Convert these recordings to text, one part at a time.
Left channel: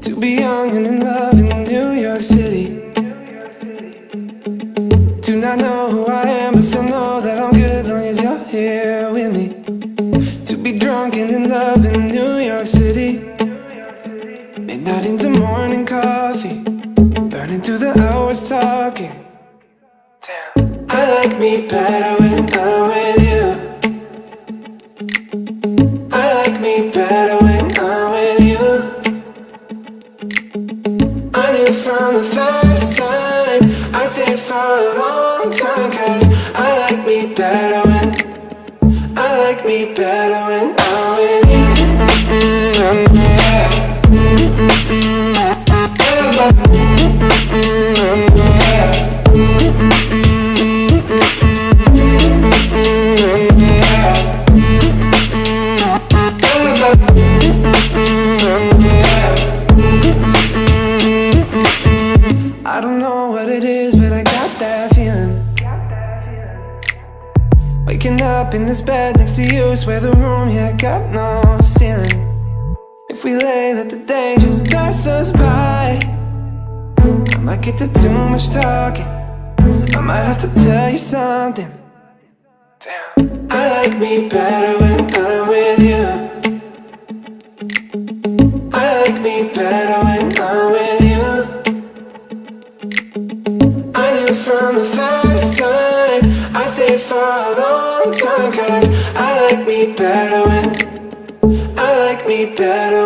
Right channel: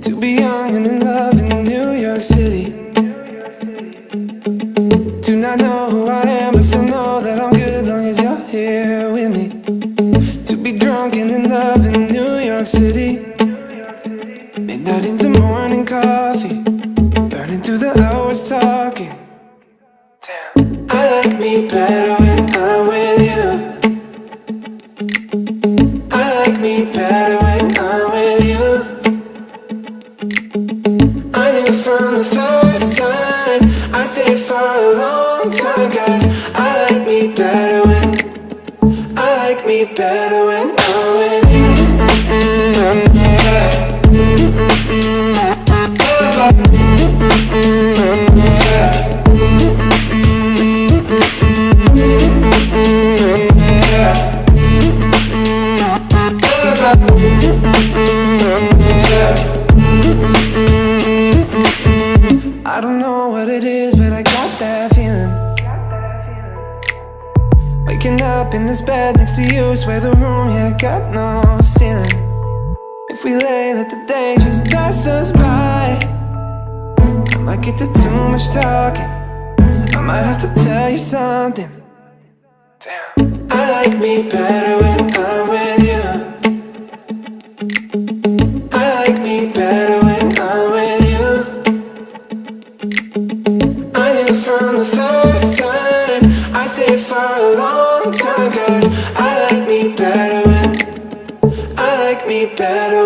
To be young and in love in New York City. Do not know who I am, but still know that I'm good long as you're here with me. To be drunk and in love in New York City. Midnight into morning coffee, burning through the hours talking. Damn, I like me better when I'm with you. I like me better when I'm with you. I knew from the first time I'd stay for a long time, 'cause I like me better when I'm with you. I don't know what it is, but I got that feeling. Waking up in this bed next to you, swear the room, yeah, got no ceiling. If we lay, let the day just pass us by. I might get to too much talking, I might have to tell you something. Damn, I like me better when I'm with you. I like me better when I'm with you. I knew from the first time I'd stay for a long time, 'cause I like me better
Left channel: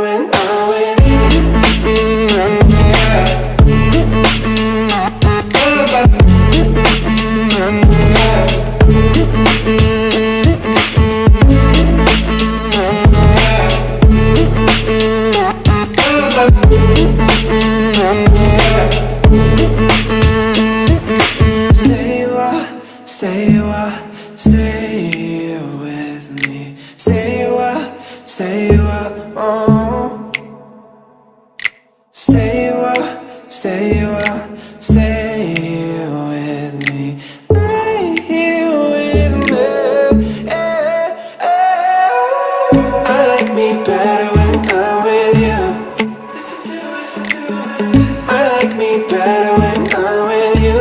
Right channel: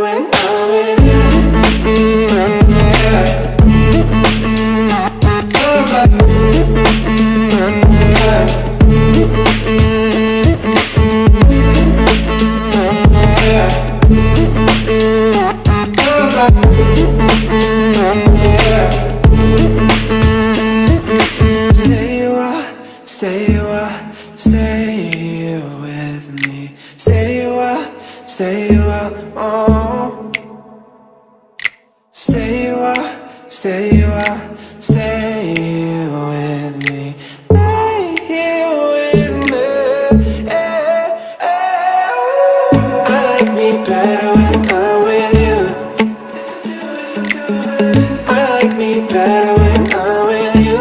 when I'm with you. Stay with me. Stay a while, oh. Stay a while, stay with me. Lay here with me. I like me better when I'm with you. I like me better when I'm with you.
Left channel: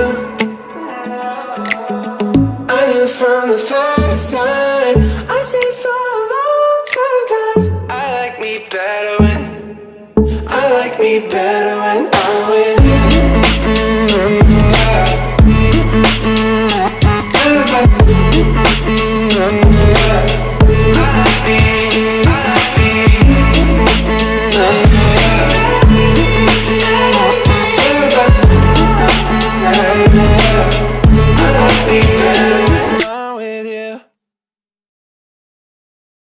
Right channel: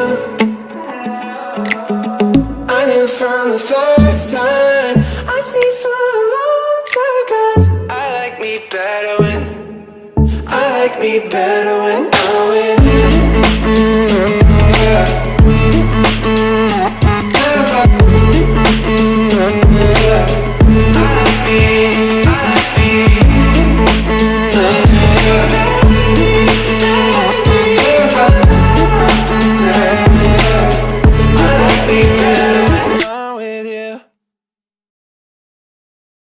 I knew from the first time I stayed for a long time, 'cause I like me better when